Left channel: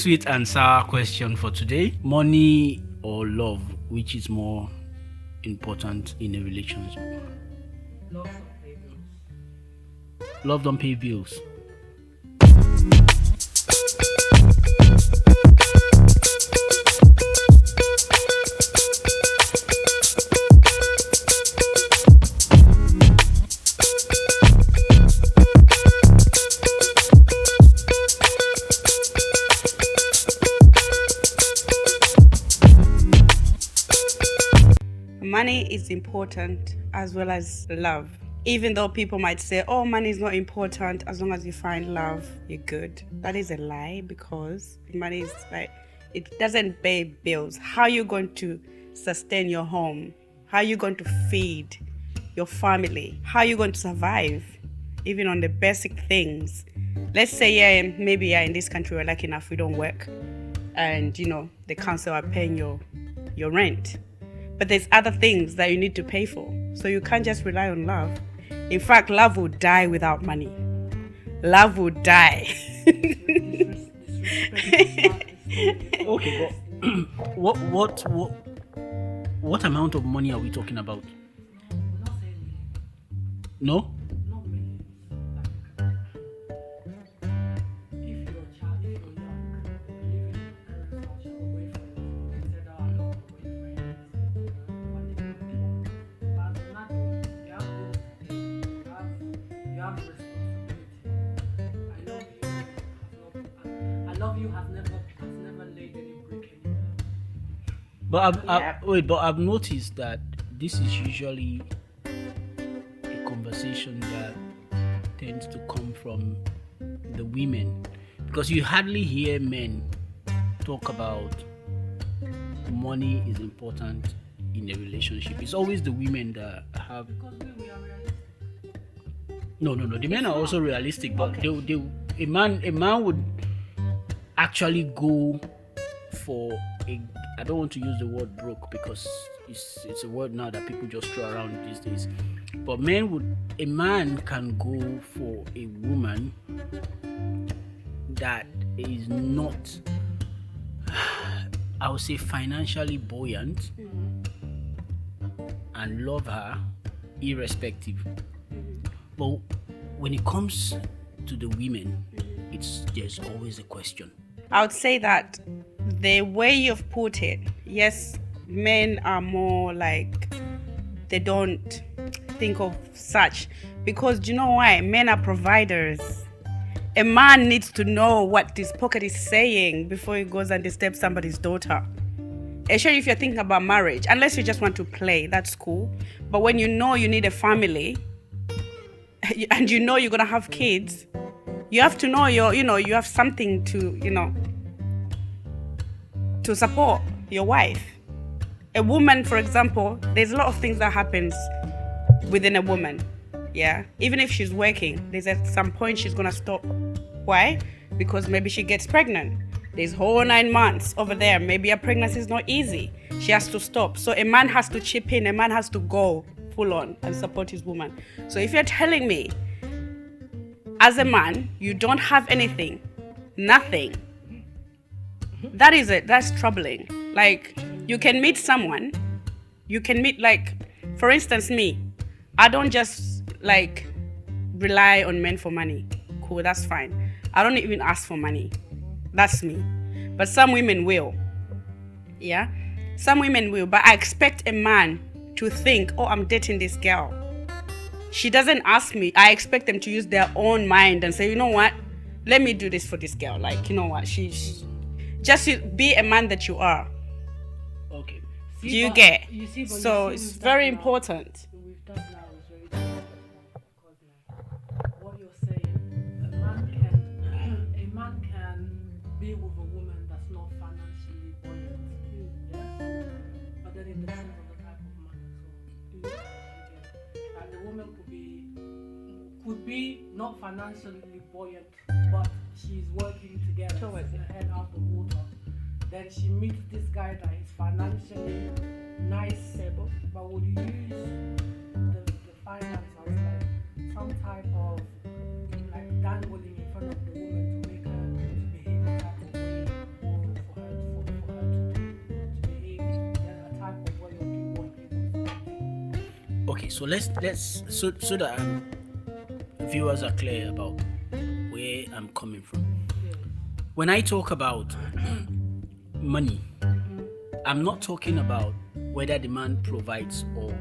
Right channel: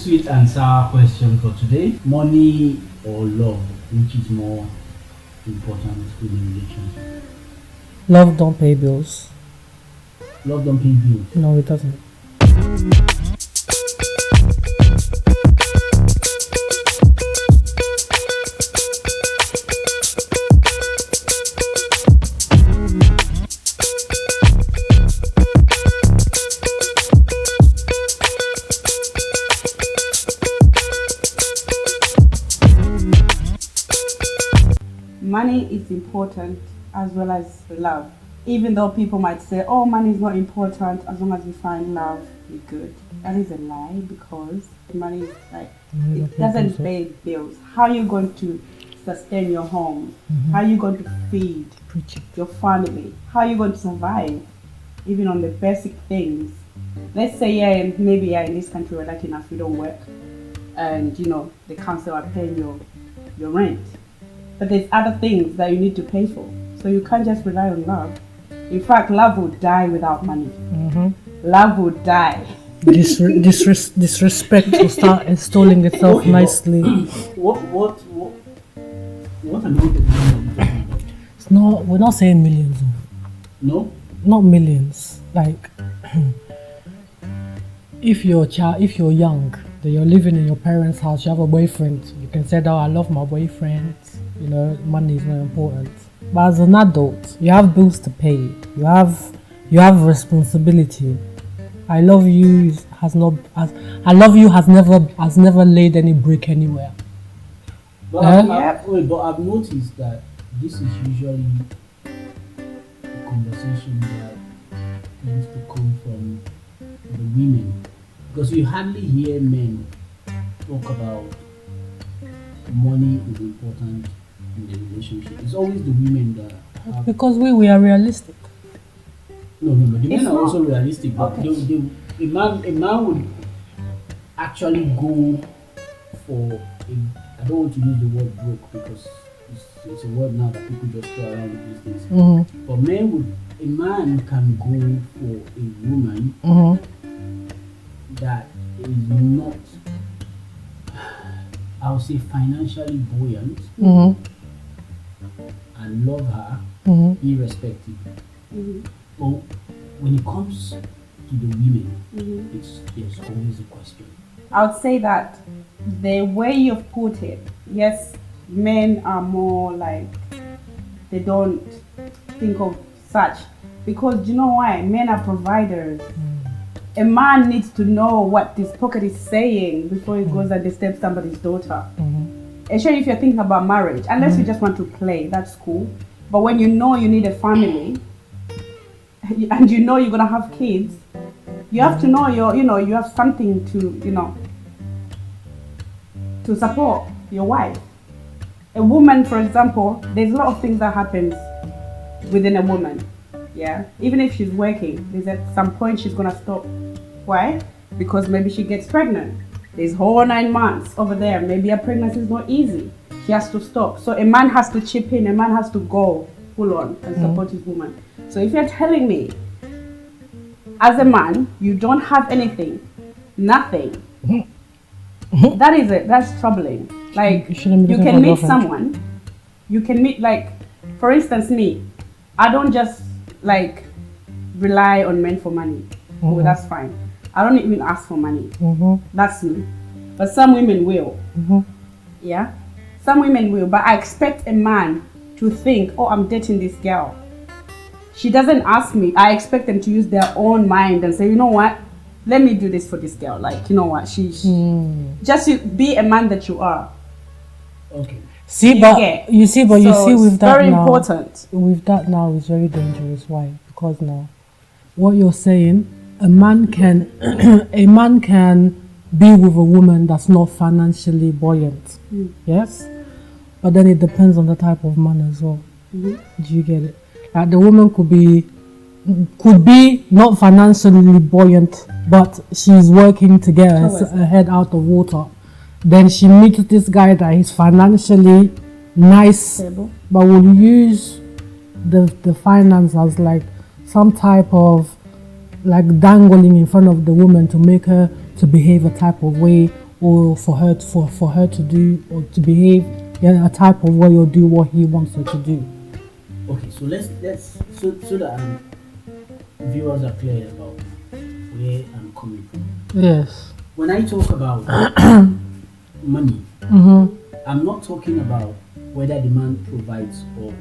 Sweet and sour question for today. Money or love, which is more important in a relationship? Love don't pay bills. Love don't pay bills. No, it doesn't. Money is important as well as love. Even though people might say, oh, money is not important, as long as you find love, you're good. That is a lie, because money is like, it doesn't pay bills. How are you going to sustain your home? How are you going to feed your family? How are you going to survive, even on the basic things? Let's say, maybe in this country we're lucky enough we don't work, and the council are paying your rent. But there's other things that you need to pay for. So you can't just rely on love. In fact, love will die without money. Love will die. Disrespect will start installing itself nicely. What amount of money are we talking about? We're not saying millions. No? Not millions. Like, if you're young, that you're living in your parents' house, you have a boyfriend, you can say that I love my boyfriend, money is not important. But as an adult, you have bills to pay, you have responsibility. I love you has never laid any brick anywhere. But I've noticed that this is usually a conversation that tends to come from the women, because you hardly hear men talk about money is important in the relationship. It's always the women that have. Because we are realistic. No. The men are also realistic, but a man would actually go for a. I don't want to use the word broke because it's a word now that people just throw around these days. But a man can go for a woman that is not, I would say, financially buoyant, and love her irrespective. But when it comes to the women, there's always a question. I would say that the way you've put it, yes, men are more like, they don't think of such, because do you know why? Men are providers. A man needs to know what his pocket is saying before he goes and disturbs somebody's daughter. Especially if you're thinking about marriage, unless you just want to play, that's cool. But when you know you need a family, and you're gonna have kids, you have to know you have something to to support your wife. A woman, for example, there's a lot of things that happens within a woman. Yeah, even if she's working, there's at some point she's gonna stop. Why? Because maybe she gets pregnant. There's whole 9 months over there. Maybe a pregnancy is not easy. She has to stop. So a man has to chip in. A man has to go full on and support his woman. So if you're telling me, as a man, you don't have anything, nothing, that is it. That's troubling. Like, you can meet someone. You can meet, like, for instance, me. I don't just rely on men for money. Oh, that's fine. I don't even ask for money. That's me. But some women will. Yeah? Some women will. But I expect a man to think, oh, I'm dating this girl. She doesn't ask me. I expect them to use their own mind and say, you know what? Let me do this for this girl. Like, you know what? She just be a man that you are. Okay. You see with that very now, important. With that now is very dangerous. Why? Because now, what you're saying, a man can be with a woman that's not financially buoyant. Yes, but then it depends on the type of man as well. Do you get it? Like, the woman could be not financially buoyant, but she's working to get her head out of water. Then she meets this guy that is financially nice, but will use the finance as like some type of like dangling in front of the woman to make her to behave a type of way, or for her to do or to behave in a type of way or do what he wants her to do. Okay, so let's so that viewers are clear about where I'm coming from. Yes. When I talk about money, I'm not talking about whether the man provides or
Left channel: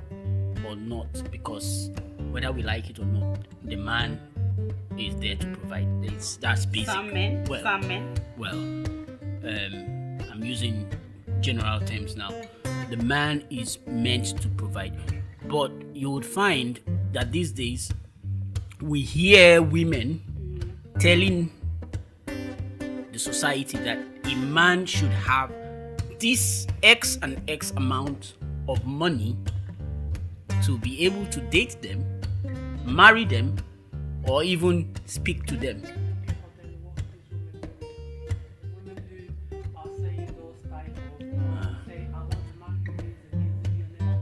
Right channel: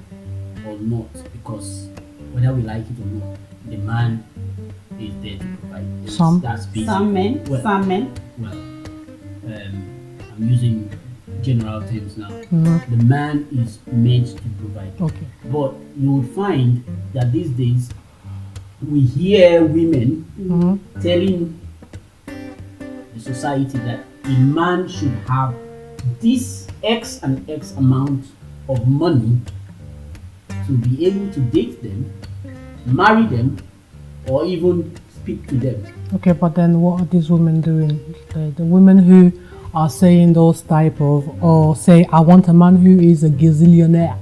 not, because whether we like it or not, the man is there to provide. That's basic. Some men. Well, I'm using general terms now. The man is meant to provide. Okay. But you would find that these days we hear women telling the society that a man should have this X and X amount of money to be able to date them, marry them, or even speak to them. Okay, but then what are these women doing? The women who are saying those type of, or say, I want a man who is a gazillionaire.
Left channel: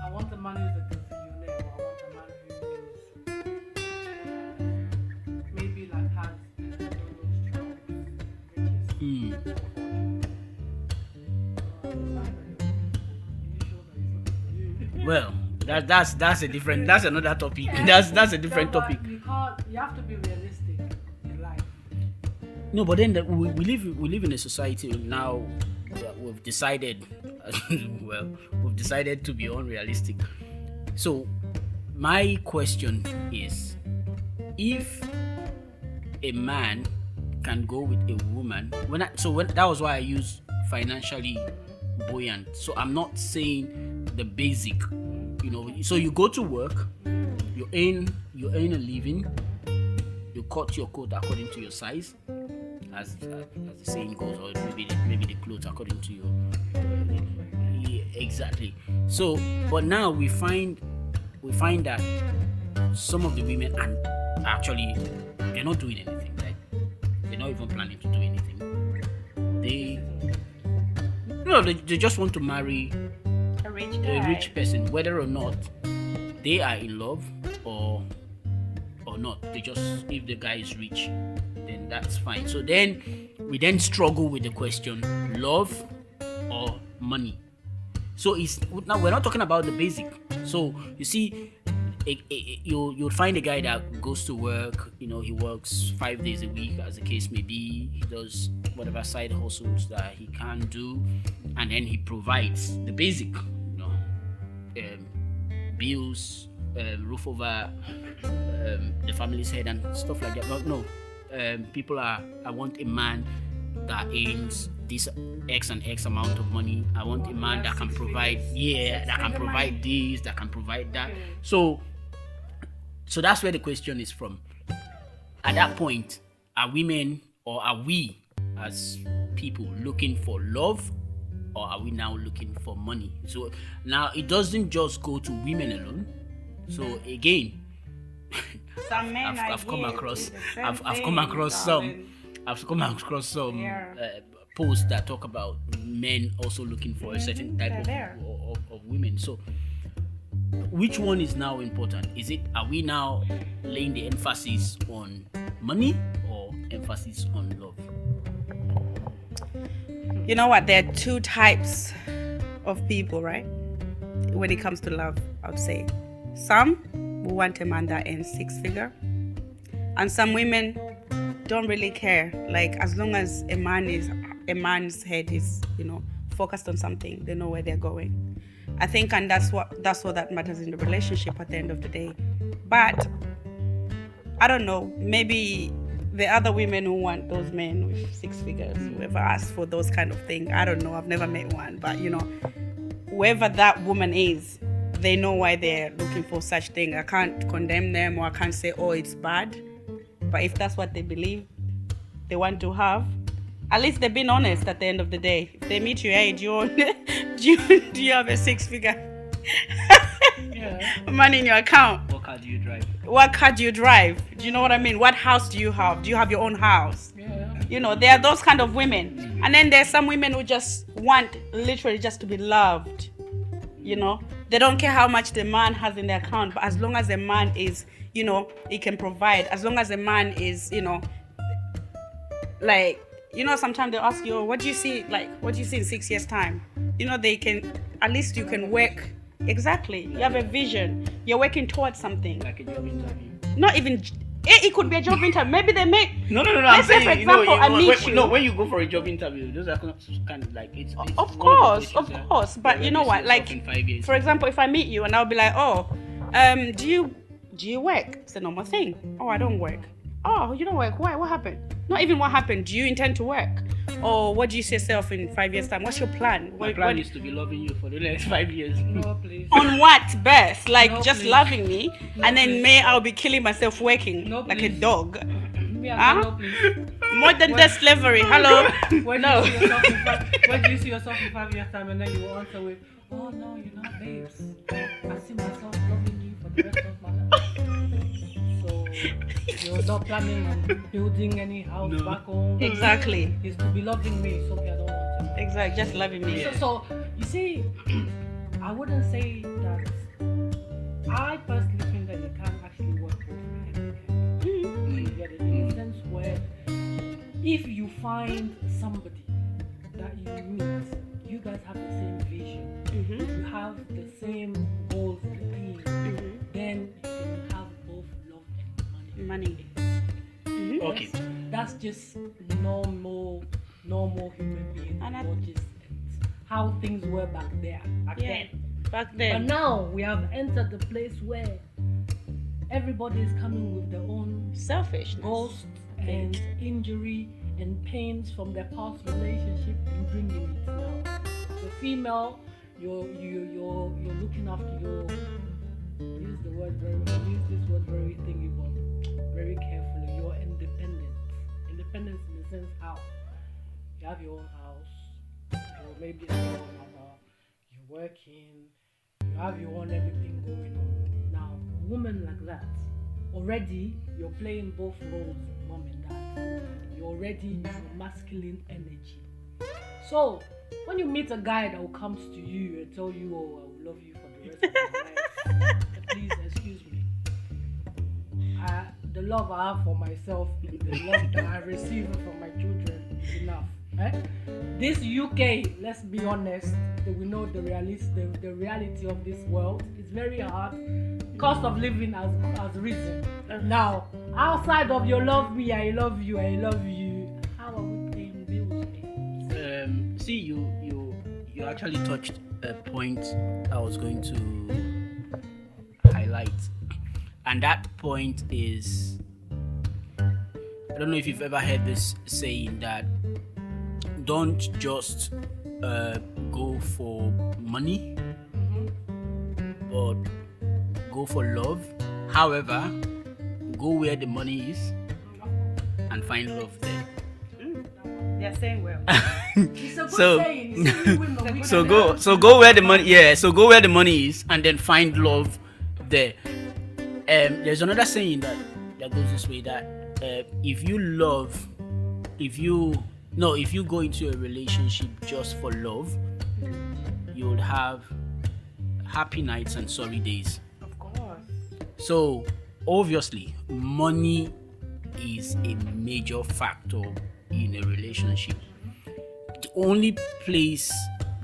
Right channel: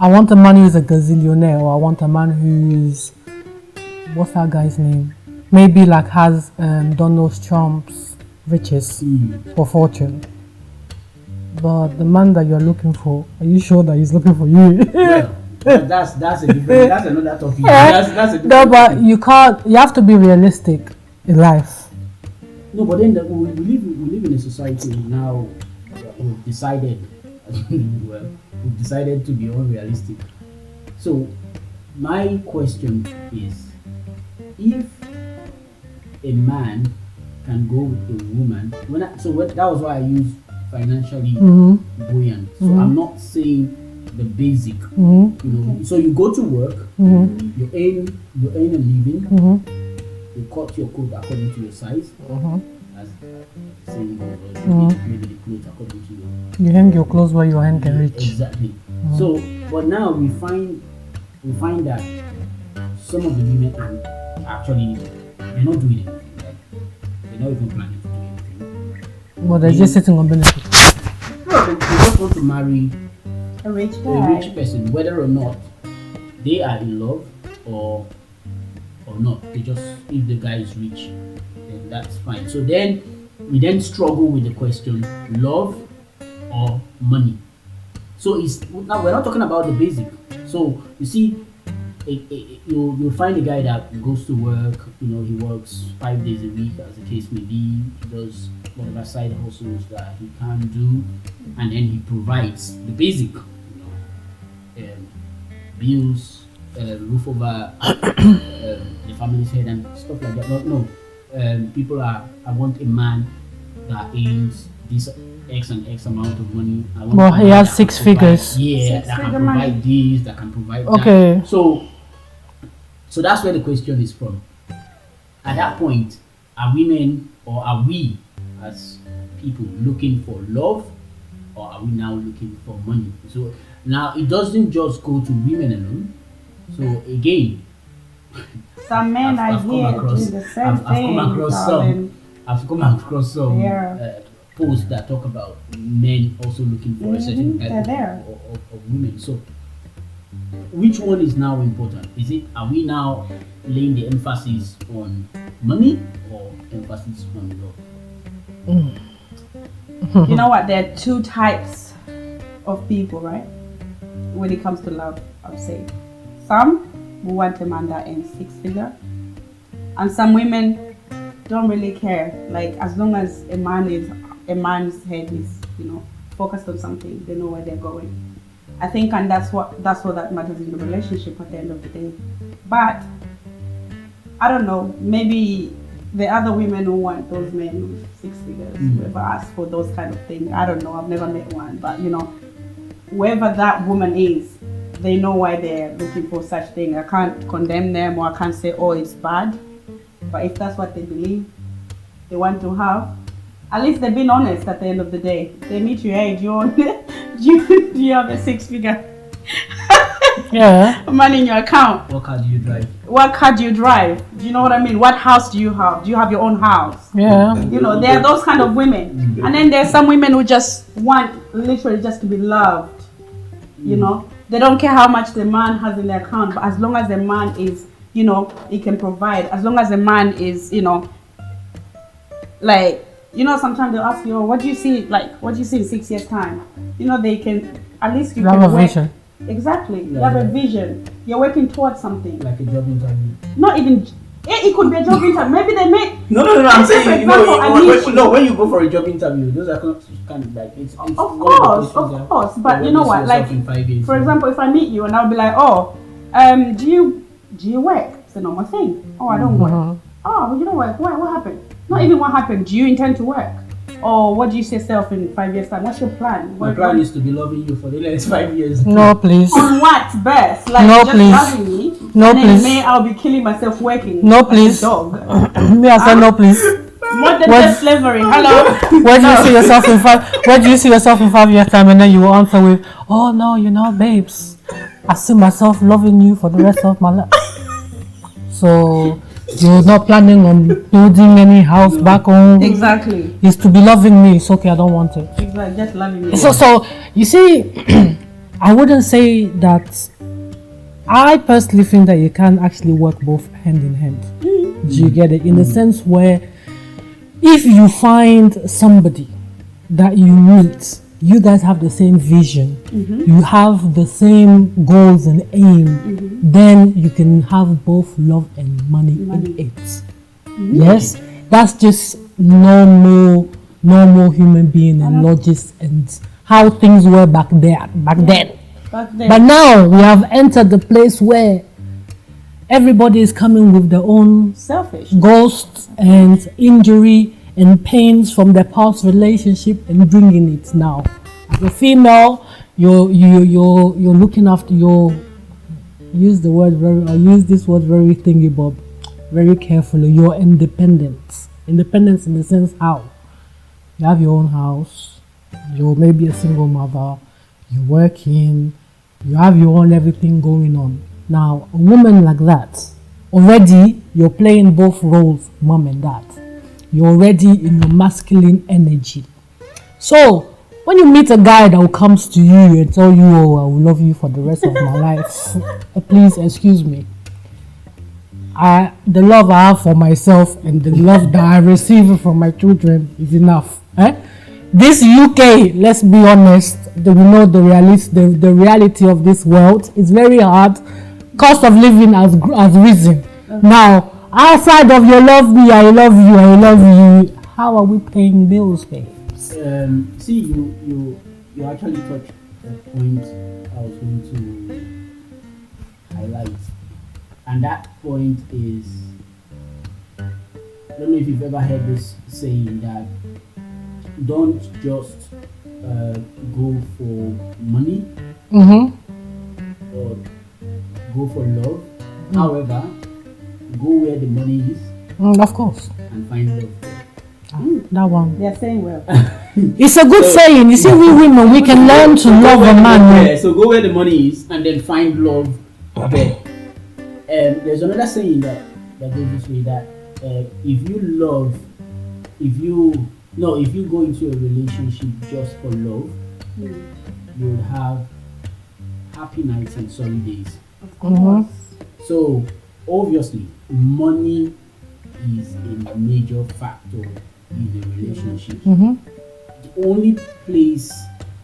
I want a man who is a gazillionaire, or I want a man who is, what's that guy's name? Maybe like has Donald Trump's riches or fortune. But the man that you're looking for, are you sure that he's looking for you? Well, that's a different. That's another topic. That's a different. No, but topic. You can't. You have to be realistic in life. No, but then we live in a society now. We've decided. We've decided to be unrealistic. So, my question is, if a man can go with a woman, that was why I use financially buoyant. So I'm not saying the basic, you know. So you go to work, you earn a living, you cut your coat according to your size, as the saying goes, or maybe the clothes according to you hang your clothes where your hand can reach. Exactly. So, but now we find that some of the women are actually they're not doing anything. Right? They're not even planning to do anything. But they're just sitting on benefits. No, they just want to marry a rich person, whether or not they are in love or not. They just, if the guy is rich, then that's fine. So then we struggle with the question: love or money. So now we're not talking about the basic. So you see, you'll find a guy that goes to work. You know, he works 5 days a week, as the case may be. He does whatever side hustles that he can do, and then he provides the basic, you know, bills, roof over the family's head, and stuff like that. But no, I want a man that earns this X and X amount of money. I want. Well, he has 6 figures. Yeah, that can provide this, that can provide that. Okay. So that's where the question is from. At that point, are women or are we as people looking for love, or are we now looking for money? So now it doesn't just go to women alone. So again, some men I've come across some posts that talk about men also looking for a certain type of women. So which one is now important? Are we now laying the emphasis on money or emphasis on love? You know what? There are 2 types of people, right? When it comes to love, I would say. Some will want a man that earns 6 figures, and some women don't really care. Like, as long as a man's head is, you know, focused on something, they know where they're going. I think, and that's what that matters in the relationship at the end of the day. But I don't know, maybe the other women who want those men with 6 figures, whoever asks for those kind of things, I don't know, I've never met one, but you know, whoever that woman is, they know why they're looking for such thing. I can't condemn them, or I can't say, oh, it's bad. But if that's what they believe they want to have, at least they've been honest at the end of the day. They meet you, hey, do you have a 6 figure money in your account? What car do you drive? What car do you drive? Do you know what I mean? What house do you have? Do you have your own house? Yeah. You know, there are those kind of women. And then there's some women who just want literally just to be loved. You know, they don't care how much the man has in their account, but as long as the man is, you know, he can provide, as long as the man is, you know, like, you know, sometimes they'll ask you, oh, what do you see? Like, what do you see in 6 years' time? You know, they can, at least you can have a work. vision. Exactly. You Yeah, have a yeah. vision. You're working towards something. Like a job interview. Not even, it could be a job interview. Maybe they make. No. I'm Let's say, saying, for example, when you go for a job interview, those are kind of like it's Of one course, the questions of course. But you know what? Like, in 5 years. for example, if I meet you and I'll be like, oh, do you work? It's a normal thing. Oh, I don't work. Oh, you don't work. Why? What happened? Not even what happened. Do you intend to work? Or what do you see yourself in 5 years' time? What's your plan? My plan is to be loving you for the next 5 years. No, please. On what best? Like No, just please. loving me, No, and then please. may I'll be killing myself working. No, like please. a dog. Me, I said no, please. Modern What? day slavery. Hello. Where do you see yourself in 5? Where do you see yourself in 5 years' time? And then you will answer with, "Oh no, you know, babes, I see myself loving you for the rest of my life." So you're not planning on building any house back home. Exactly. It's to be loving me. It's okay. I don't want it. Exactly. Just loving me. So you see, I wouldn't say that. I personally think that you can actually work both hand in hand. Do you get it? In the sense where, if you find somebody that you meet, you guys have the same vision, you have the same goals and aim, then you can have both love and money. in it. Yes, that's just normal human being and logic and how things were back then. Back then. But now we have entered the place where everybody is coming with their own Selfish. ghosts and injury and pains from their past relationship and bringing it now. As a female, you're looking after your. Use this word very thingy bob, very carefully. You're independent. Independence in the sense how you have your own house. You're maybe a single mother. You're working. You have your own everything going on. Now, a woman like that, already you're playing both roles, mom and dad. You're already in your masculine energy. So, when you meet a guy that comes to you and tell you, "Oh, I will love you for the rest of my life," please excuse me. The love I have for myself and the love that I receive from my children is enough. This UK, let's be honest, we know the reality of this world. It's very hard. Cost of living has risen. Now, outside of you love me, I love you, I love you, how are we paying bills, babe? See, you actually touched a point I was going to highlight, and that point is, I don't know if you've ever heard this saying that don't just go for money or go for love. However, go where the money is Of course. and find love there. That one. They're saying well. It's a good saying. You see, we women, we can learn to love a man. So go where the money is and then find love there. There's another saying that goes this way, that if you go into a relationship just for love, you'll have happy nights and sorry days. So obviously, money is a major factor in a relationship. The only place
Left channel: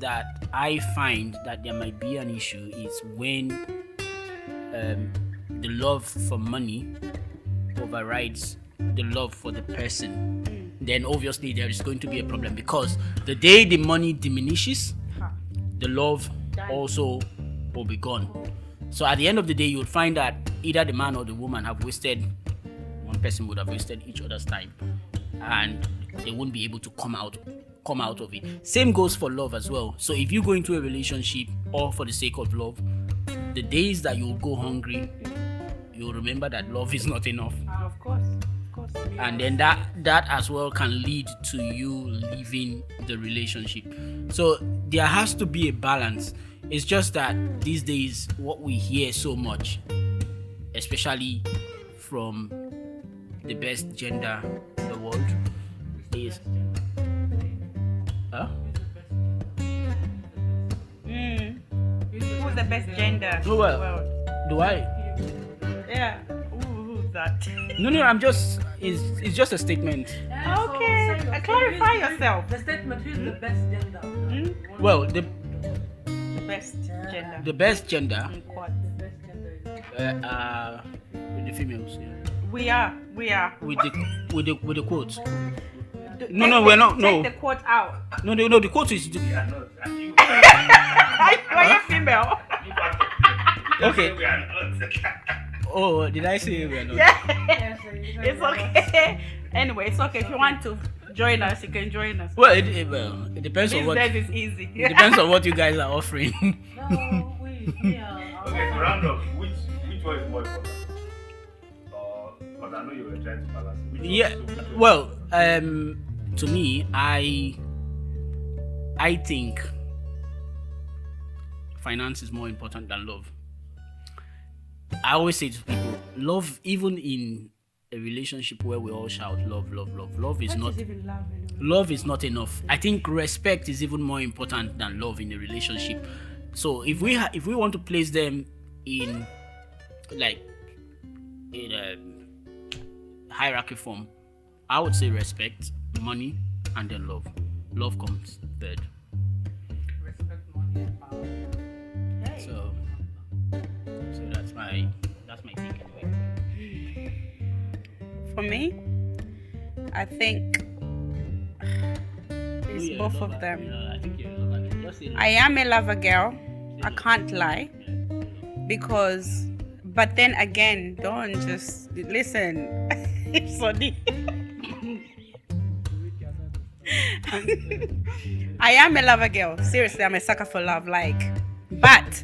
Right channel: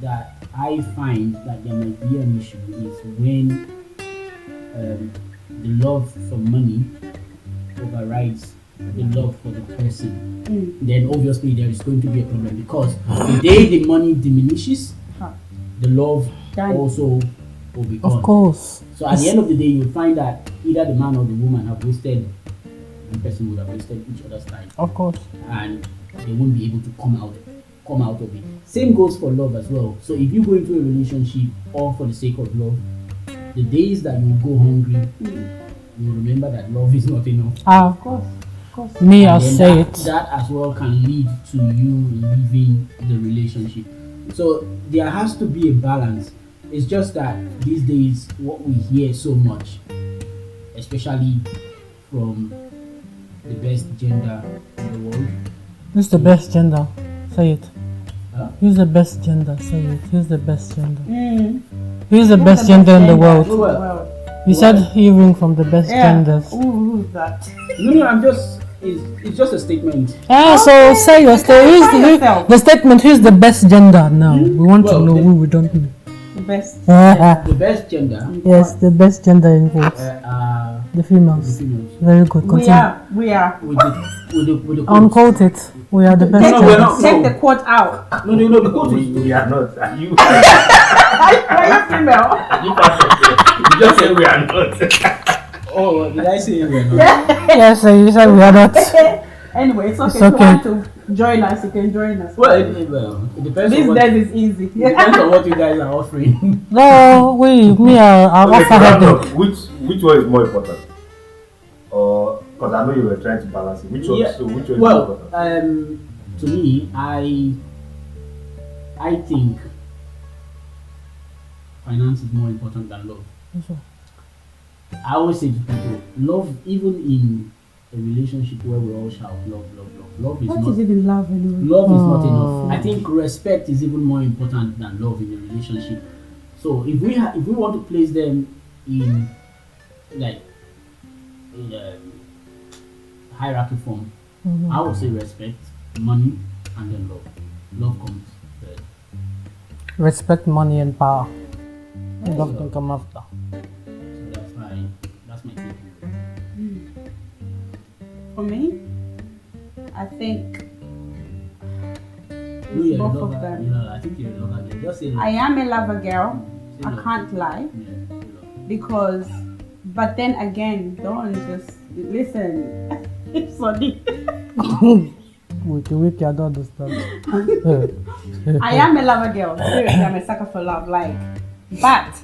that I find that there might be an issue is when the love for money overrides the love for the person. Then obviously there is going to be a problem, because the day the money diminishes, the love also will be gone. Of course. So at the end of the day, you'll find that either the man or the woman have wasted, one person would have wasted each other's time. Of course. And they won't be able to come out of it. Same goes for love as well. So if you go into a relationship all for the sake of love, the days that you'll go hungry, you'll remember that love is not enough. Of course. Me, I'll And say then it. that as well can lead to you leaving the relationship. So there has to be a balance. It's just that these days, what we hear so much, especially from the best gender in the world. Who's the best gender? Say it. Huh? Who's the best gender? Say it. Who's the best gender? Who's the best gender in the world? Well, You said hearing from the best genders. Who's that? no, I'm just it's just a statement. So say your story. The statement. Who's the best gender now? We want to know who we don't know. The best. The best gender. Yes, the best gender in quotes. The females. The females. Very good. Continue. We are. With the quote. Unquote it. We are the best. No, we're not. Take the quote out. No. The quote is. We are not. Are you? Why you female? You just say we are not. Oh, did I say we are not? Yes, you said we are not. Anyway, it's okay. It's If you okay. want to join us, you can join us. Well, it depends on This what. death is easy. It depends on what you guys are offering. No, me, I'll offer headache. Which one is more important? Or because I know you were trying to balance it. Which one? Yeah. So which one is more Well, important? to me, I think finance is more important than love. I always say to people, love, even in a relationship where we all shout love is What not. is even love anyway? Love is not enough. I think respect is even more important than love in a relationship. So if we want to place them in a hierarchy form, I would say respect, money, and then love. Love comes third. Respect, money, and power. Love can come after. So that's my take anyway. For me, I think No, it's you're a both lover. of them. Yeah, I think you're a lover. Just say love. I am a lover girl. Say I love. can't lie Yeah, say love. because, but then again, don't just listen. It's funny. Wiki, I don't understand. I am a lover girl. Seriously, I'm a sucker for love. But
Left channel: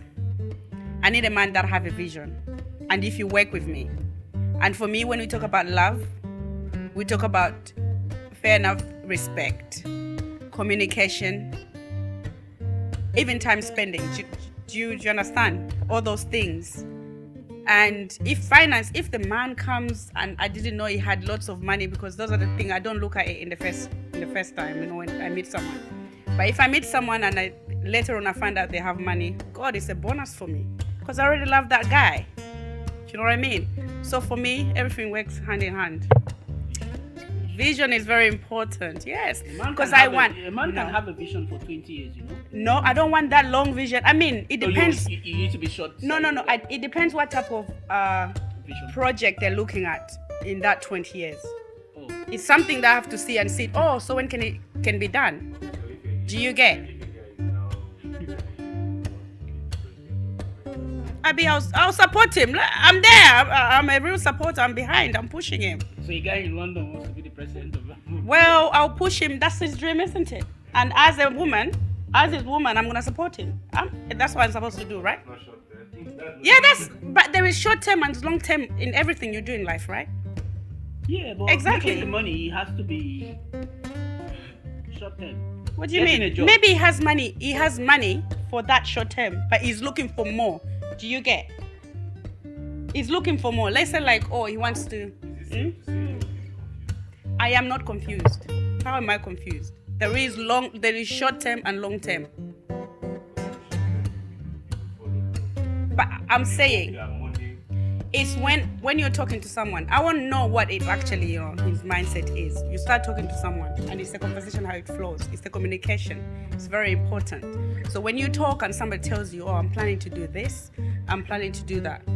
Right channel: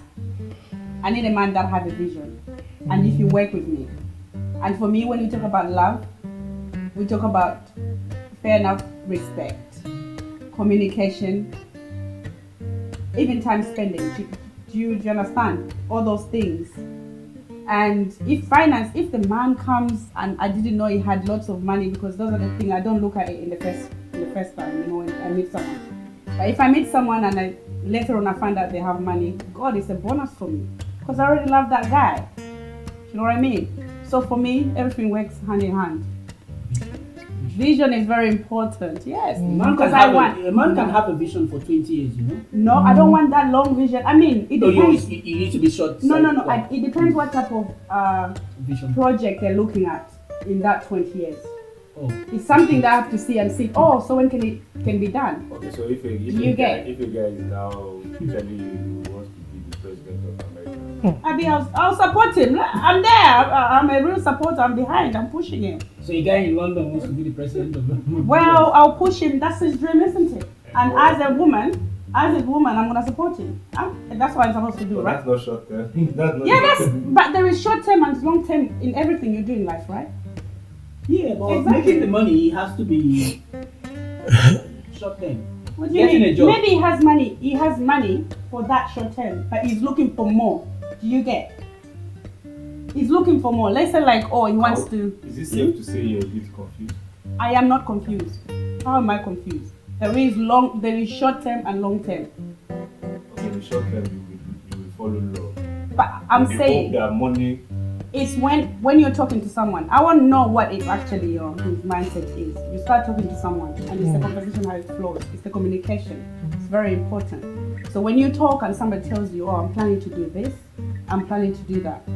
I need a man that have a vision. And if you work with me, and for me, when we talk about love, we talk about fair enough respect, communication, even time spending. Do you understand all those things? And if the man comes and I didn't know he had lots of money, because those are the things I don't look at it in the first time, when I meet someone. But if I meet someone and later on I find out they have money, God, it's a bonus for me, because I already love that guy. Do you know what I mean? So for me, everything works hand in hand. Vision is very important, yes. A man Because can have a vision for 20 years, you know. No, I don't want that long vision. I mean, it depends. You need to be short. No. It depends what type of Vision. project they're looking at in that 20 years. Oh. It's something that I have to see and see. Oh, so when can it be done? Okay, so if Do you get? If a guy is now usually wants to be the president of America. I'll support him. I'm there. I'm a real supporter. I'm behind. I'm pushing him. So a guy in London wants to be the president of Well, I'll push him. That's his dream, isn't it? And as his woman, I'm gonna support him. That's what I'm supposed to do, But right? that's not short term. But there is short term and long term in everything you do in life, right? Yeah, but Exactly. making the money has to be short term. What do you Getting a mean? job. Maybe he has money. He has money for that short term, but he's looking for more. Do you get? He's looking for more. Let's say he wants to. Is it safe to say you're a bit confused? I am not confused. How am I confused? There is short term and long term. Okay, in short term you will follow law. But I'm You hope saying that money. it's when you're talking to someone. I want to know what it actually his mindset is. You start talking to someone, and it's the conversation how it flows. It's the communication. It's very important. So when you talk and somebody tells you, "Oh, I'm planning to do this. I'm planning to do that,"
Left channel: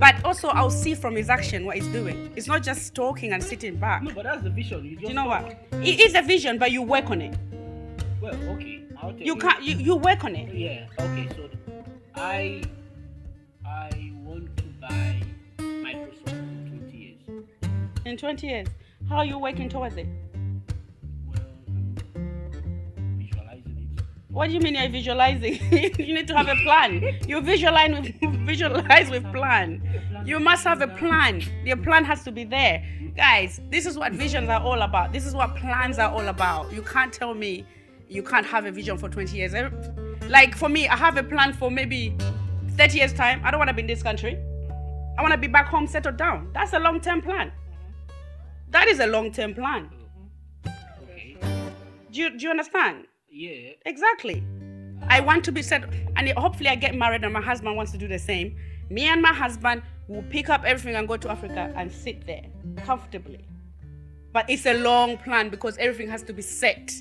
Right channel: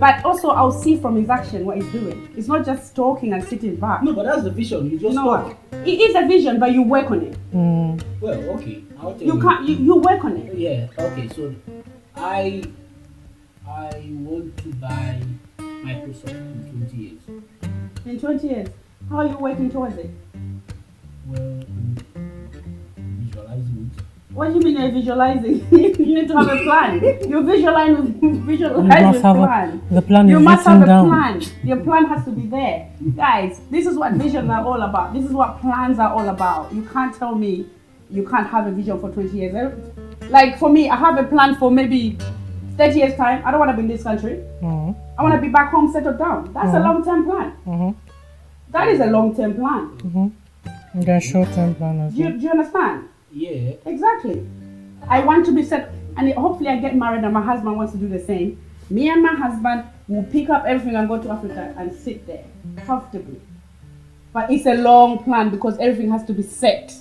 but also I'll see from his action what he's doing. It's not just talking and sitting back. No, but that's the vision. You just You know talk. what? It is a vision, but you work on it. Well, okay. I'll tell You can't. You work on it. Yeah. Okay. So, I want to buy Microsoft in 20 years. In 20 years, how are you working towards it? Well, visualizing it. What do you mean you're visualizing? You need to have a plan. You visualize with plan. The plan You is must have a written down. plan. Your plan has to be there. Guys, this is what visions are all about. This is what plans are all about. You can't tell me you can't have a vision for 20 years. Like for me, I have a plan for maybe 30 years time. I don't want to be in this country. I want to be back home settled down. That's a long-term plan. That is a long-term plan. The short-term plan as Do you understand? Yeah. Exactly. I want to be set, and hopefully I get married and my husband wants to do the same. Me and my husband will pick up everything and go to Africa and sit there comfortably. but it's a long plan because everything has to be set.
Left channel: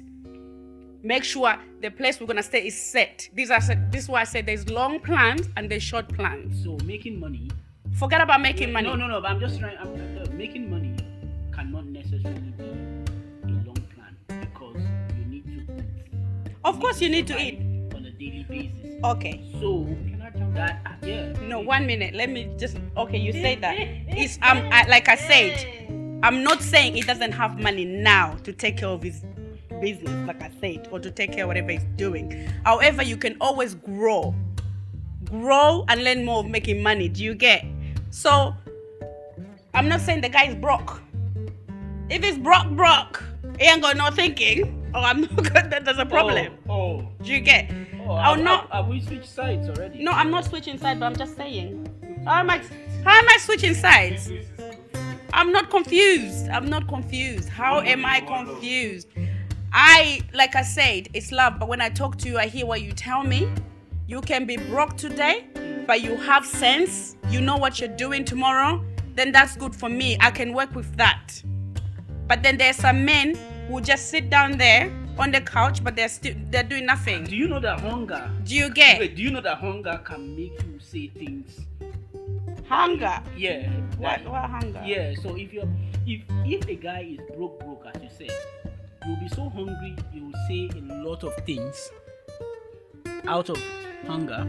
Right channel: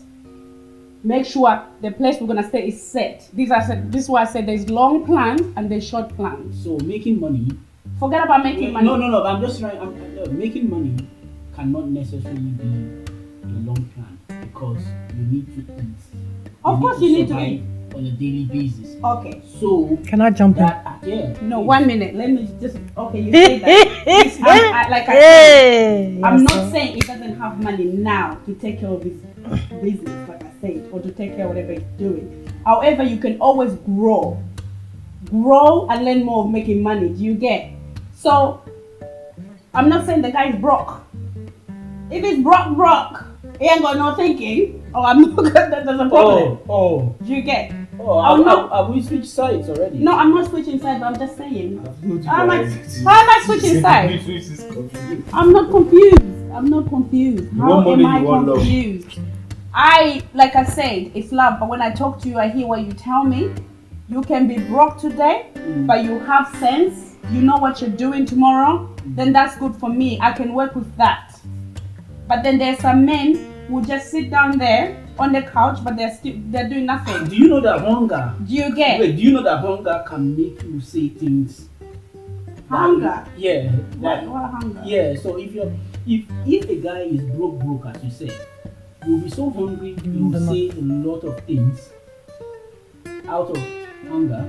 Make sure the place we're gonna stay is set. This is why I said there's long plans and there's short plans. So making money. Forget about making money. No. I'm just trying. Making money cannot necessarily be a long plan because you need to eat. Of course, you need to eat on a daily basis. Okay. So can I jump in? Yeah. No, 1 minute. Let me just. Okay, you say that. Like I said, I'm not saying it doesn't have money now to take care of his business, like I said, or to take care of whatever he's doing. However, you can always grow and learn more of making money. Do you get? So, I'm not saying the guy is broke. If he's broke, he ain't got no thinking. Oh, I'm not good. There's a problem. Oh. Do you get? Oh, have we switched sides already? No, I'm not switching sides, but I'm just saying. How am I switching sides? I'm not confused. How am I confused? Like I said, it's love, but when I talk to you, I hear what you tell me. You can be broke today, but you have sense. You know what you're doing tomorrow. Then that's good for me. I can work with that. But then there's some men who just sit down there on the couch, but they're doing nothing. Do you know that hunger? Do you get? Wait, do you know that hunger can make you say things? Hunger? Yeah. What hunger? Yeah. So if the guy is broke, as you said, you'll be so hungry you will say a lot of things out of hunger,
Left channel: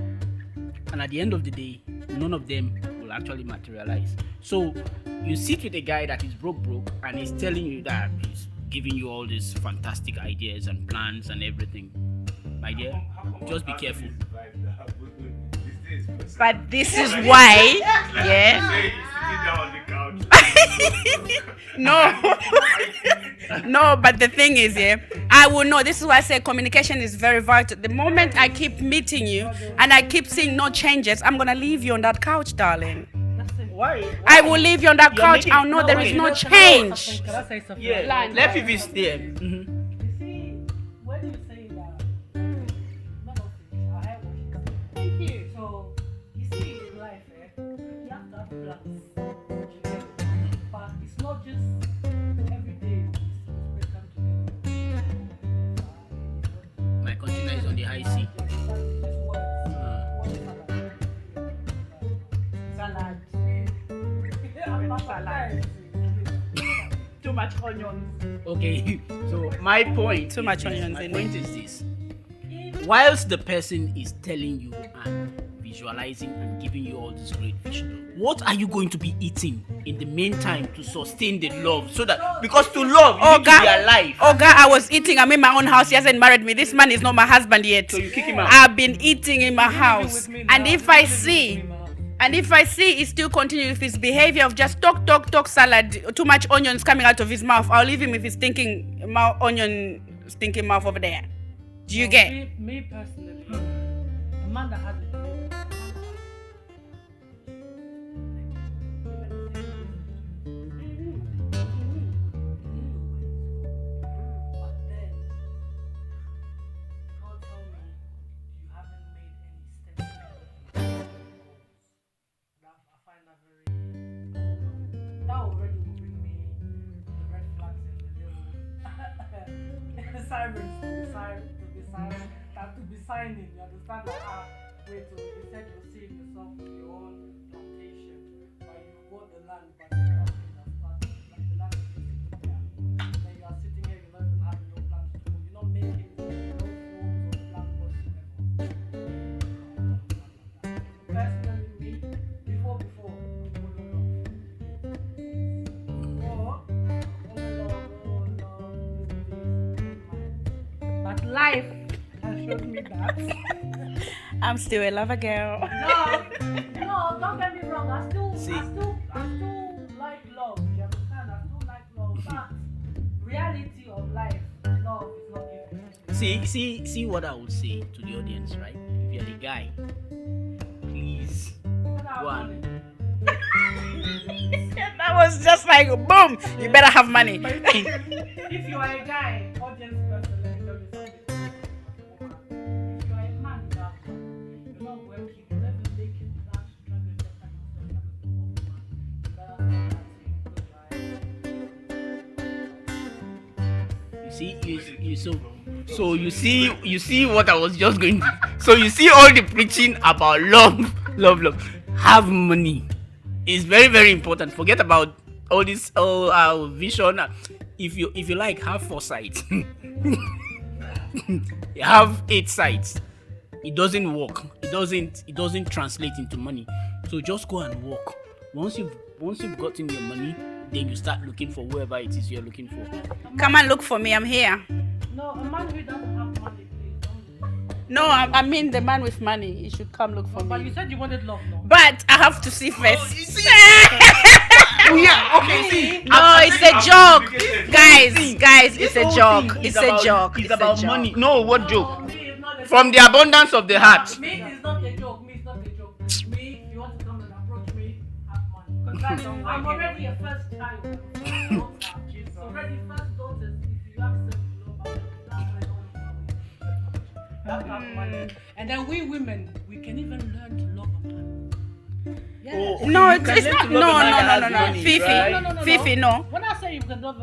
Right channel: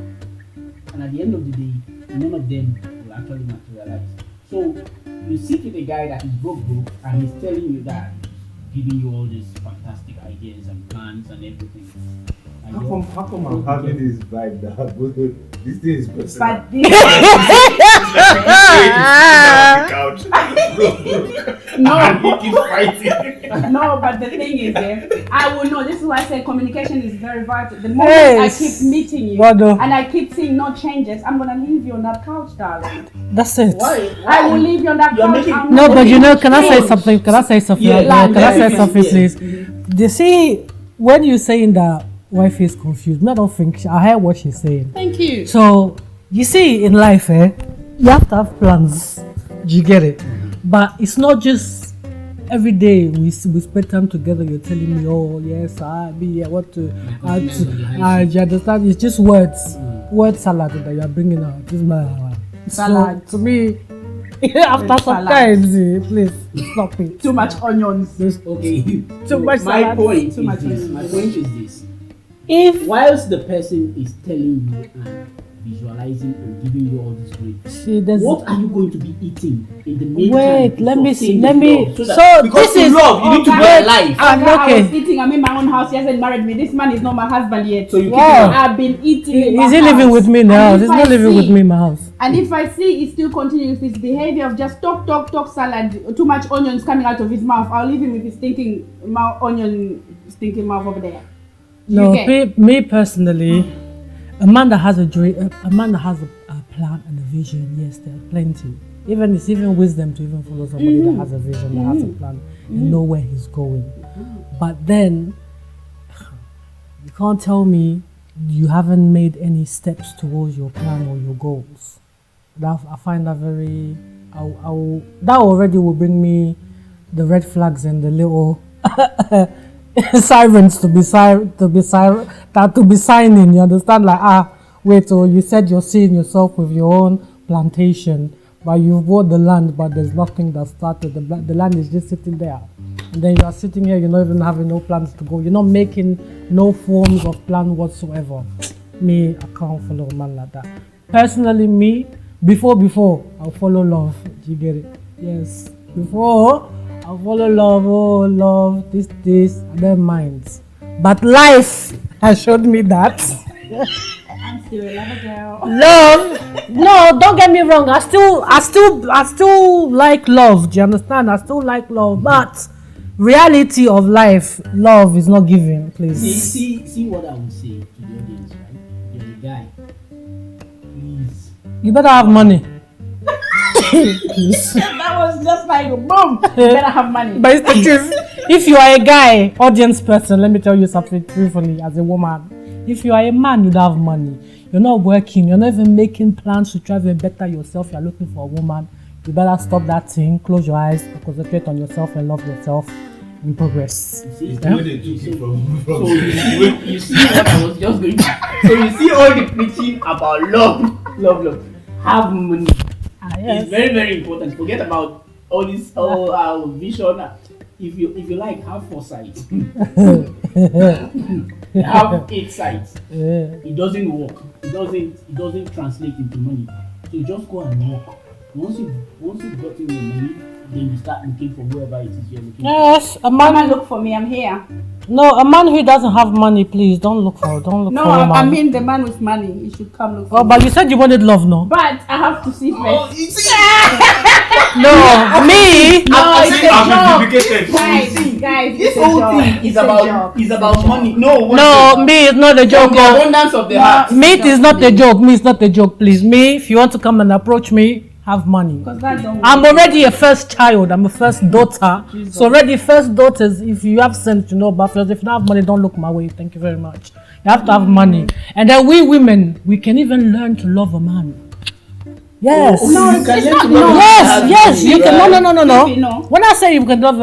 and at the end of the day, none of them will actually materialize. So you sit with a guy that is broke, and he's telling you that he's giving you all these fantastic ideas and plans and everything. How come Just I'm be having careful. this vibe that this thing is personal? But this is why. No, but the thing is, I will know. This is why I say communication is very vital. The moment I keep meeting you and I keep seeing no changes, I'm gonna leave you on that couch, darling. That's it. Why? I will leave you on that couch. No, but you know, can I say something? Yeah, Can I say something, please? Yeah. You see, when you're saying that wife is confused, I don't think I heard what she's saying. Thank you. So you see, in life, you have to have plans. Do you get it? But it's not just every day we spend time together. You're telling me, oh yes, what to. You understand? It's just words, word salad that you are bringing out. Salad. So, to me, after some time, please stop it. Too much onions. Okay. Too much My salad. point. Too much onions. My point is this: If whilst the person is telling you and visualizing and giving you all this great, what are you going to be eating in the meantime? Wait, to let me sustain see. the Let me. love? So Because this to is love, you need to be alive. I was okay. eating. I'm in my own house. He hasn't married me. This man is not my husband yet. So you keep Wow. I've been eating in my house. Is he living with me now? And He's if I not living with see, me in my house. and if I see he still continues with his behavior of just talk salad, too much onions coming out of his mouth, I'll leave him with his stinking mouth over there. Do you get? Me personally, a man that has a dream, a man that has a plan and a vision, yes, there are plenty. It's even wisdom to even follow somebody that has a vision, that has a plan, and know where he's going. But then, you can't tell me you haven't made any steps towards your plan or your goals. I find that very. That already will bring me the red flags and the little sirens to be signing. You understand? Like wait, so you said you're seeing yourself with your own plantation, but you've bought the land, but there's nothing that started. The land is just sitting there, and then you are sitting here. You're not even having no plans to go. You're not making no forms of plan whatsoever. Me, I can't follow a man like that. Personally, me, before I'll follow love. Do you get it? Yes. Before I'll follow love. Oh, love, this, and then minds. But life has showed me that. I'm still a lover girl. Love, no, don't get me wrong. I still like love. Do you understand? I still like love, but reality of life, love is not given. Please. See what I would say to the audience, right? You're the guy. Please. You better have money. That was just like boom. You better have money. But it's the truth. If you are a guy, audience person, let me tell you something truthfully as a woman. If you are a man, you don't have money. You're not working. You're not even making plans to try and better yourself. You're looking for a woman. you better stop that thing, close your eyes, concentrate on yourself and love yourself in progress. You see, you see what I was just going to. So you see all the preaching about love. Have money. Yes. It's very, very important. Forget about all this, our vision. If you like, have foresight. Have 8 sides. It doesn't work. It doesn't translate into money. So just go and work. Once you've gotten your money, then you start looking for whoever it is you're looking for. Yes, Come and look for me. I'm here. No, a man who doesn't have money, please don't look for. No, for a man. I mean the man with money. He should come look for Oh, me. but you said you wanted love, no? But I have to see first. No, me. No, it's a joke. Guys, it's a joke. It's a joke. It's about money. No, Me, it's not a joke. From the abundance of the heart. Me, it is not a joke. Me, it's not a joke, please. Me, if you want to come and approach me, have money. I'm already a first child. I'm a first daughter. So already first daughters, if you have sense, you know about first. If you don't have money, don't look my way. Thank you very much. You have to have money. And then we women, we can even learn to love a man. Yes. No, it's not. No. Yes. You can. No. Fifi, no. When I say you can love,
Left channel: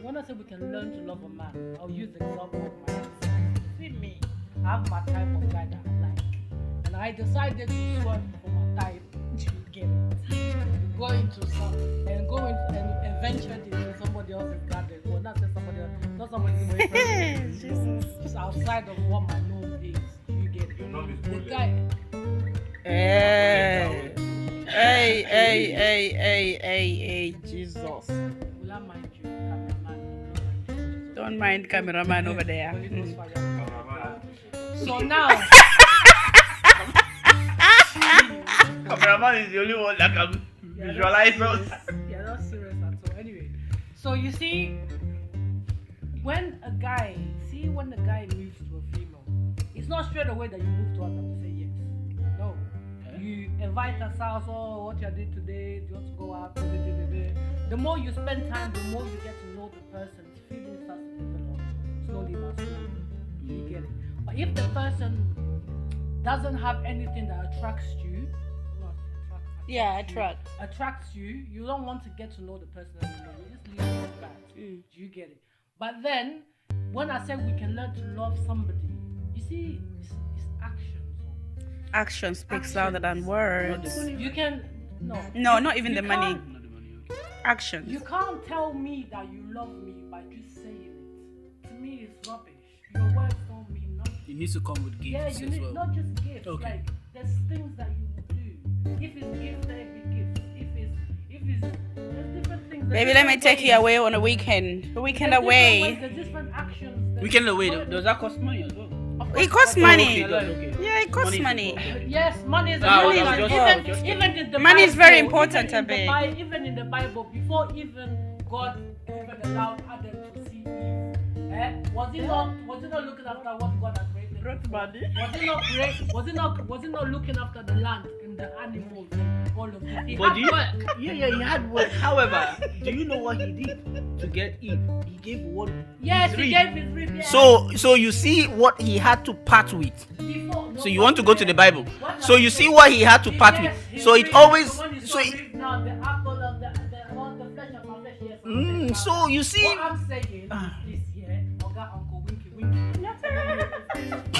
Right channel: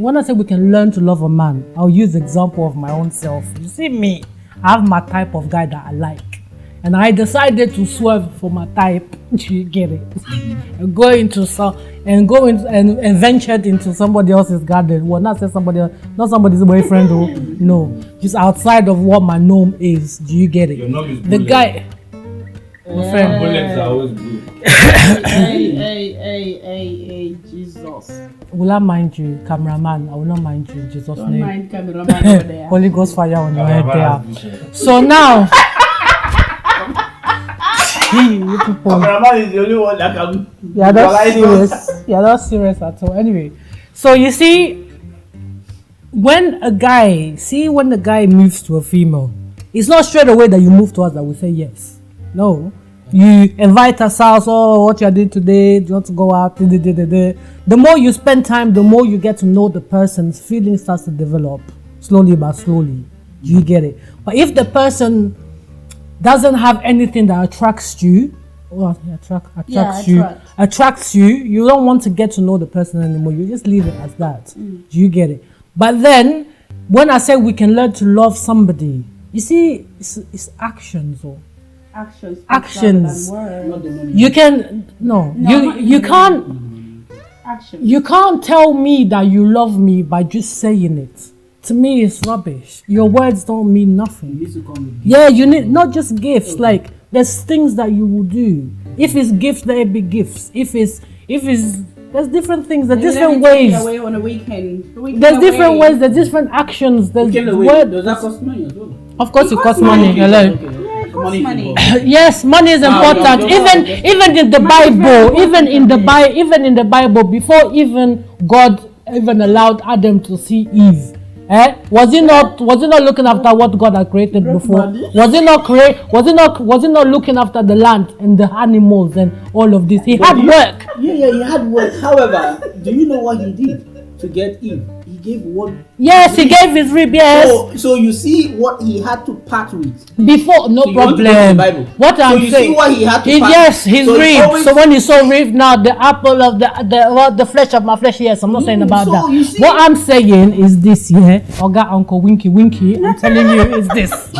when I say we can learn to love a man, I'll use the example of my own self. You see me, I have my type of guy that I like, and I decided to swerve for my type. You get it? And go into and ventured into somebody else's garden. Well, not say somebody else, not somebody's boyfriend. No, just outside of what my norm is. Do you get it? The guy. Bullets are always blue. Hey, Jesus. Will I mind you, cameraman? I will not mind you, in Jesus' Don't name. mind cameraman over there. Holy Ghost fire on your head there. So now, you people, Cameraman is the only one that can. you're not serious. You're not serious at all. Anyway, so you see, when the guy moves to a female, it's not straight away that you move to us that we say yes. No, you invite us out. Oh, what you are doing today? Do you want to go out? The more you spend time, the more you get to know the person's feeling starts to develop slowly but slowly. You get it? But if the person doesn't have anything that attracts you, attracts you, you don't want to get to know the person anymore. You just leave it as that. Do you get it? But then, when I say we can learn to love somebody, you see, it's actions or. Actions. Actions. Words. You can you can't. Actions. You can't tell me that you love me by just saying it. To me, it's rubbish. Your words don't mean You nothing. need to come with gifts. Yeah, you need not just gifts. Okay. Like there's things that you will do. If it's gifts, there be gifts. If it's there's different things. There's different ways. Take you away on a weekend. There's different ways. There's different actions. There's Weekend away. words. Does that cost money as well? Of course, it costs money. money. Hello. Okay. Yeah, it costs money. Yes, money is important. Even in the Bible, even in the Bible, before even God even allowed Adam to see Eve, was he not looking after what God had created before? Was he not looking after the land and the animals and all of this? He had work. Yeah, he had work. However, do you know what he did to get Eve? He gave one. Yes, he gave his rib. Yes. So you see what he had to part with. Before, no So you problem. want to go to the Bible. What So I'm you saying, see what he had to part. yes, his So he rib. always- So when he saw rib, now the apple of the flesh of my flesh. Yes, I'm not saying about so that. you see- What I'm saying is this, yeah. Oga Uncle Winky. I'm telling you is this.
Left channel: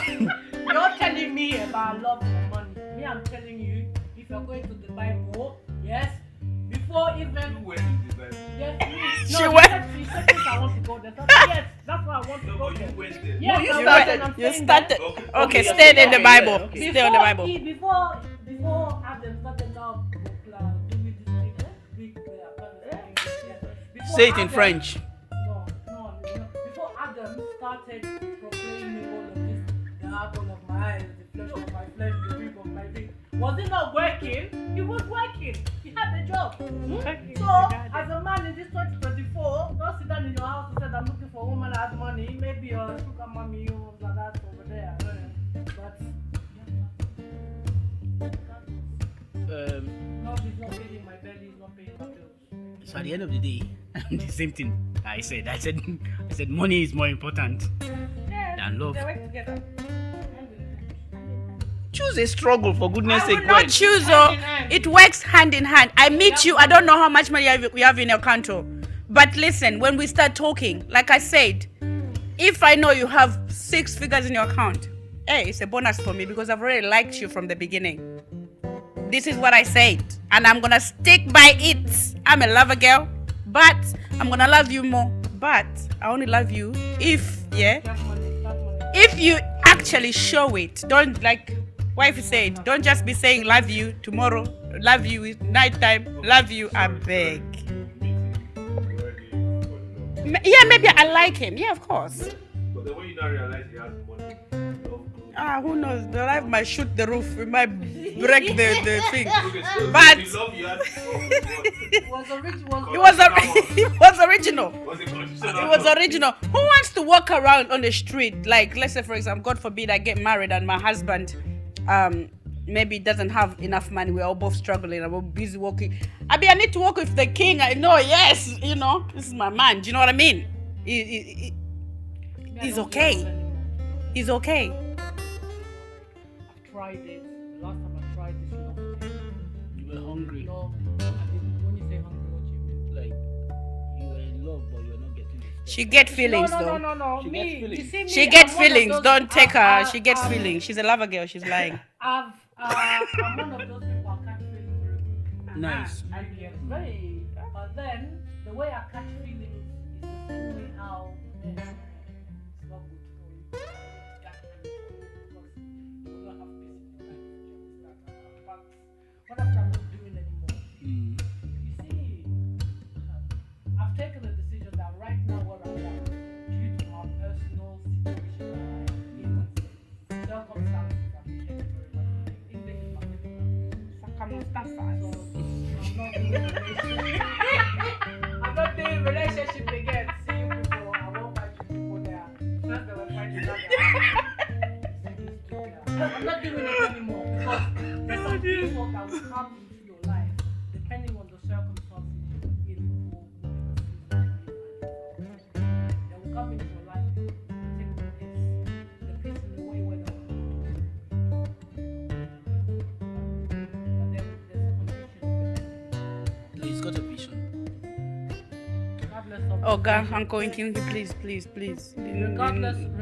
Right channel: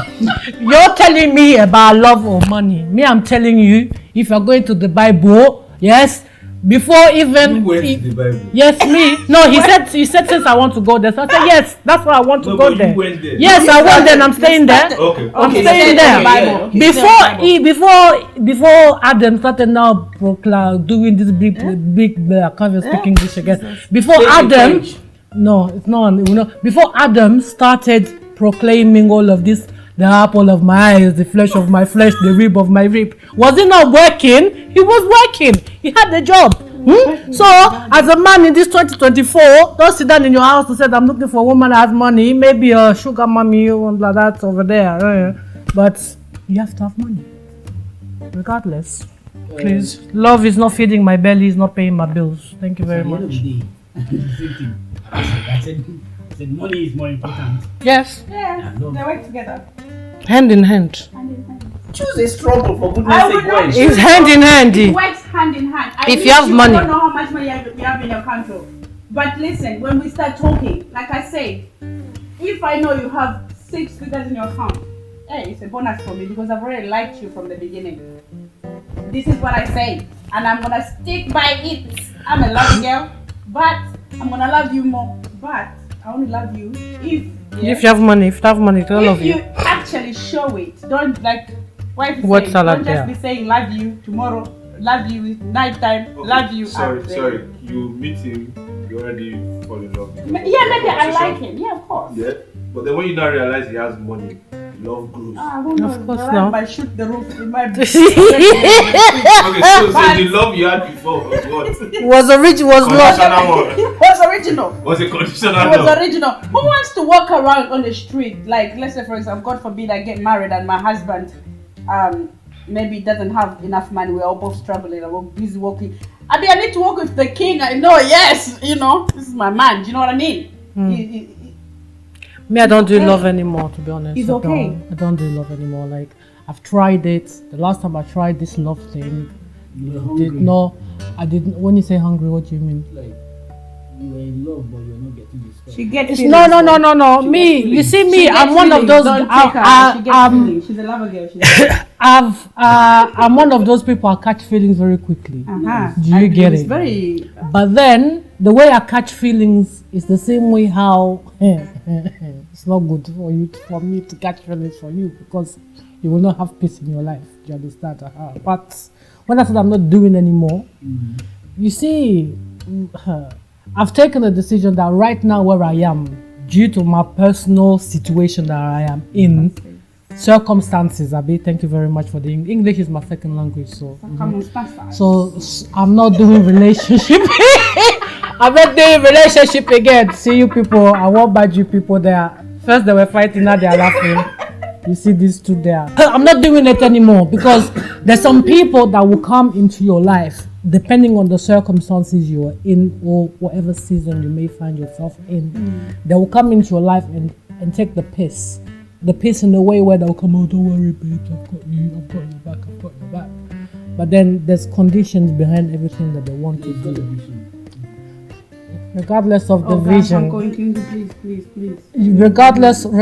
You're telling me about love or money. Me, I'm telling you, if you're going to the Bible, yes. Before even the Bible. yes, me. No, he said since I want to go there. So I said yes, that's why I want to go but there. you went there. Yes, I went there and I'm staying there. Okay. I'm Okay, staying stay in there. the Bible. Okay, stay in the Bible. Before Adam started now doing this big I can't even speak English again. Before Say it in Adam, French. no, it's not. Before Adam started proclaiming all of this, the apple of my eyes, the flesh of my flesh, the rib of my rib. Was he not working? He was working. He had the job. So, as a man in this 2024, don't sit down in your house and say, I'm looking for a woman that has money, maybe a sugar mommy or like that over there. But you have to have money. Regardless. Please. Love is not feeding my belly, is not paying my bills. Thank you very At the end of much. the day, the same thing. I said money is more important Yes. Yeah, than love. they work together. Hand in hand. choose a struggle for goodness I sake. would not Gwen. choose. It's hand in hand. It works hand in hand. I If meet you have I money. don't know how much money you have in your account. But listen, when we start talking, like I said, if I know you have 6 figures in your account, hey, it's a bonus for me because I've already liked you from the beginning. This is what I said, and I'm gonna stick by it. I'm a lover girl, but I'm gonna love you more. But I only love you if If you have money, if you actually show it. Don't like wife What said, salad don't just there? be saying love you tomorrow, love you is nighttime, love you Sorry, at bed. sorry. You meet him, you already fall in love. Yeah, maybe I like him. Yeah, of course. Yeah, but then when you now realize he has money, love grows. Who knows? course I not. might shoot the roof. We might Okay, so But- the love you had before was what? was Conditional one. it was original. Was it conditional It was love? original. Who wants to walk around on the street? Like, let's say, for example, God forbid I get married and my husband maybe doesn't have enough money. We're all both struggling. I'm busy working. I mean, I need to work with the king. I know, yes, this is my man. Do you know what I mean? Me, I don't do okay. love anymore, to be honest. It's okay. I don't do love anymore. Like, I've tried it. The last time I tried this love thing, You were hungry. I didn't. When you say hungry, what do you mean? Like you were in love, but you're not getting this. She gets It's, feelings. no. She Me, gets you see She me, gets I'm one of feelings. those. Don't take her. She gets feelings. She's a lover girl. She's a I'm one of those people I catch feelings very quickly. Do you get It's it? very. But then the way I catch feelings is the same way how it's not good for me to catch feelings from you because you will not have peace in your life. Do you understand? But when I said I'm not doing anymore, you see, I've taken a decision that right now where I am, due to my personal situation that I am in, circumstances. Abi, thank you very much for the English is my second language, so I'm not doing relationship. I'm not doing relationship again. See you people, I won't bad you people there. First they were fighting, now they are laughing. You see these two there. I'm not doing it anymore because there's some people that will come into your life depending on the circumstances you are in or whatever season you may find yourself in. They will come into your life and take the piss. The piss in the way where they'll come, oh, don't worry, babe, I've got your back. But then there's conditions behind everything that they want He's to got a do. vision. Regardless of the guys, vision. I'm going, can you please. Regardless of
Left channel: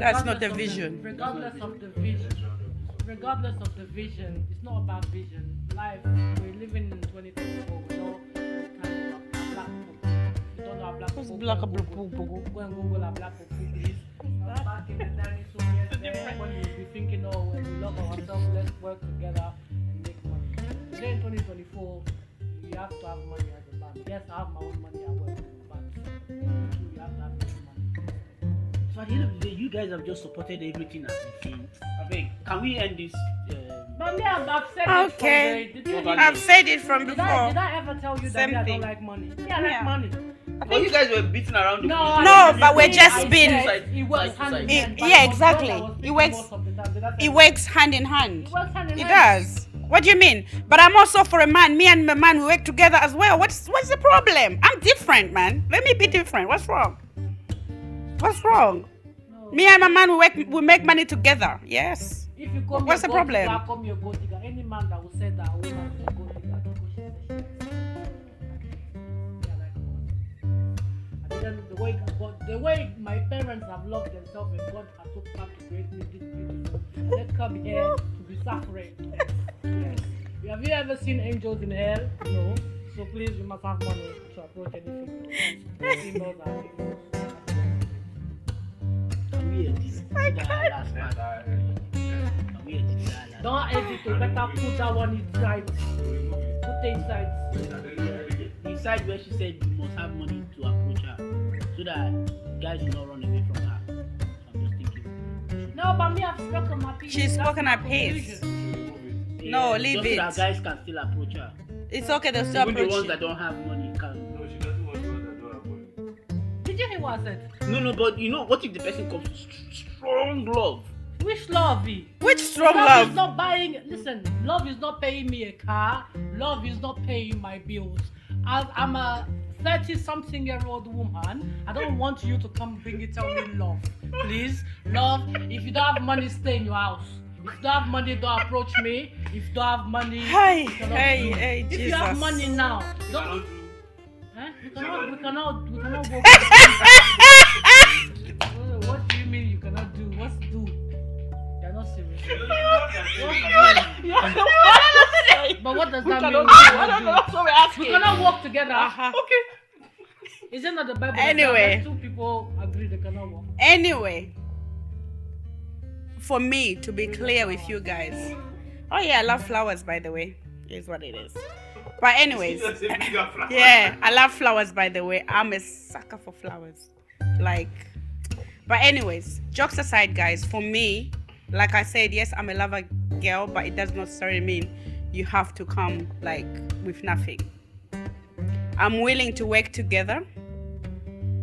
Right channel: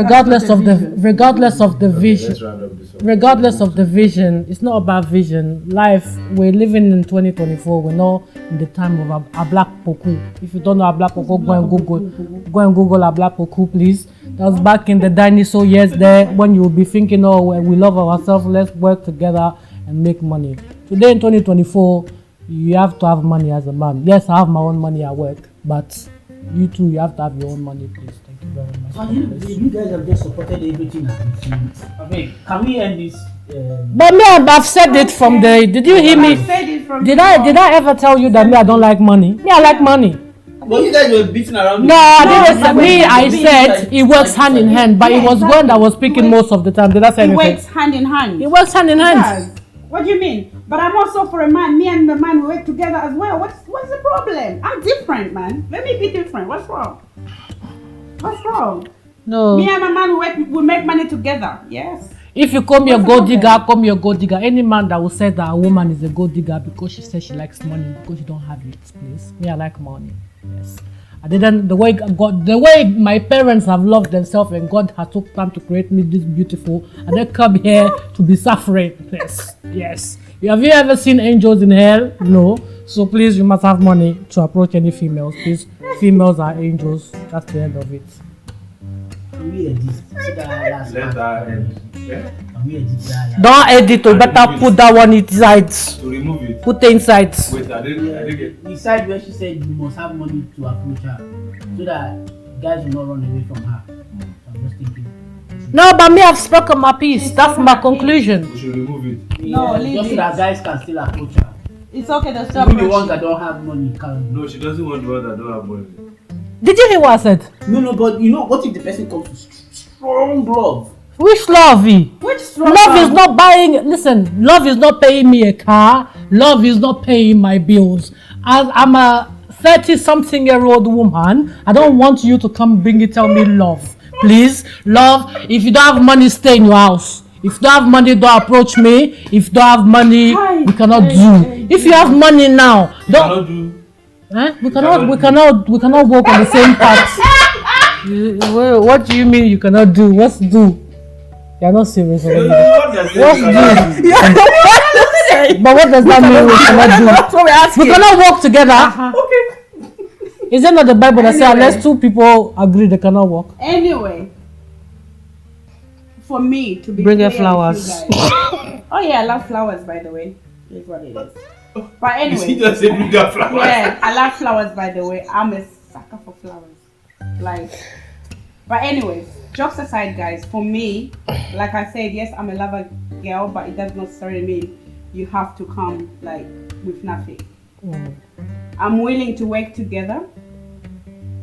the vision. regardless of the vision. Let's round up this one. Regardless of the vision, it's not about vision. Life, we're living in 2024. We're not in the time of a black poku. If you don't know a black poku, go and Google a black poku, please. That was back in the dinosaur years there when you'll be thinking, oh, well, we love ourselves, let's work together and make money. Today in 2024, you have to have money as a man. Yes, I have my own money at work, but you too, you have to have your own money, please. Thank you very much. And you guys have just supported everything as it seems. Okay, can we end this? But me, I've said it from the. Did you hear I me? said it from Did I ever tell you that me I don't like money? Me, I like money. Well, you guys were beating around. No, I didn't. No, Me, just I being said like- it works hand in hand, but Yeah, it was Gwen exactly. that was It speaking works- most of the time. Did I say It anything? works hand in hand. It works hand in hand. Yes. What do you mean? But I'm also for a man. Me and the man, we work together as well. What's the problem? I'm different, man. Let me be different. What's wrong? What's wrong? No. Me and my man, we make money together. Yes. If you call me a What's the gold problem? digger, call me a gold digger. Any man that will say that a woman is a gold digger because she says she likes money because you don't have it, please. Me, I like money. Yes. I didn't. The way my parents have loved themselves and God has took time to create me this beautiful, and they come here to be suffering. Yes. Have you ever seen angels in hell? No. So please, you must have money to approach any females. Please, females are angels. That's the end of it. Can we edit that last Let part? that end. Yeah? Can we edit that last Don't edit. You better put that one inside. To remove it. Put it inside. Wait, I didn't get. Beside where she said you must have money to approach her so that guys will not run away from her. So I'm just thinking. No, but me, I've spoken my piece. She's That's spoken my her piece. conclusion. We should remove it. No, leave just it. so that guys can still approach her. It's okay to Even the ones stop. that don't have money can. No, she doesn't want one that don't have money. Did you hear what I said? No, but you know what if the person comes to strong love? Which love? Which strong Love is not buying. Listen, love is not paying me a car. Love is not paying my bills. As I'm a 30-something-year-old woman, I don't want you to come tell me love. Please, love. If you don't have money, stay in your house. If you don't have money, don't approach me. If you don't have money, we cannot do. If you have money now, don't. We cannot walk on the same path. What do you mean you cannot do? What's do? You're not serious. What's do? But what does that mean we cannot do? That's what we're asking. We cannot work together. Okay. Is it not the Bible that says unless two people agree they cannot work? Anyway, for me to be Bring clear your flowers. with you guys. Oh yeah, I love flowers, by the way. Is what it is. But anyway, He just said bigger flowers. yeah, I love flowers, by the way. I'm a sucker for flowers. Like, but anyways, jokes aside, guys, for me, like I said, yes, I'm a lover girl, but it does not necessarily mean you have to come like with nothing. I'm willing to work together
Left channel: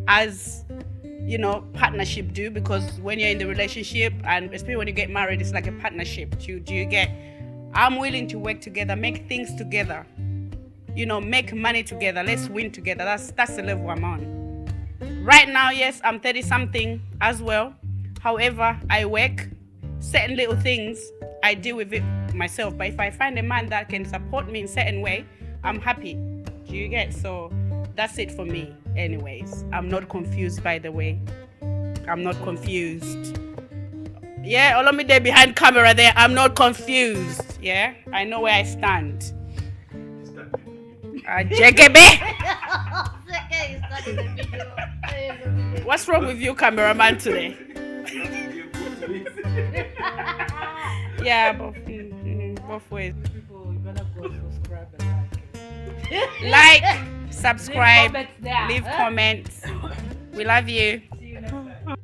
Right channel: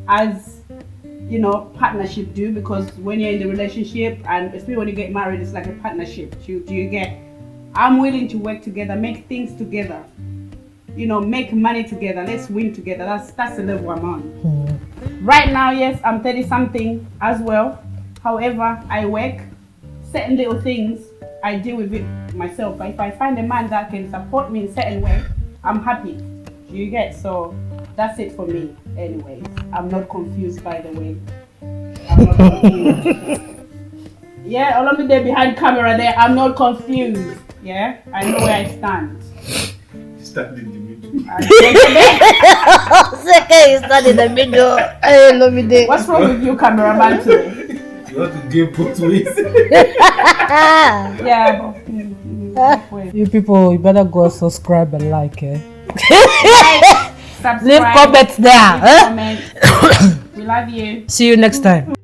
as, you know, partnership do, because when you're in the relationship, and especially when you get married, it's like a partnership. Do you get? I'm willing to work together, make things together, you know, make money together. Let's win together. That's the level I'm on. Right now, yes, I'm 30 something as well. However, I work certain little things. I deal with it myself. But if I find a man that can support me in certain way, I'm happy. Do you get? So that's it for me. Anyways, I'm not confused, by the way. I'm not confused. Yeah, Olumide behind camera there. I'm not confused. Yeah, I know where I stand. Stand in the middle. You stand in the middle. Hey, Lumidee. What's wrong with you, cameraman, today? You want to give both ways. Yeah, both ways. You people, you better go subscribe and like, Like, subscribe, leave comments there. leave comments. We love you. See you next time.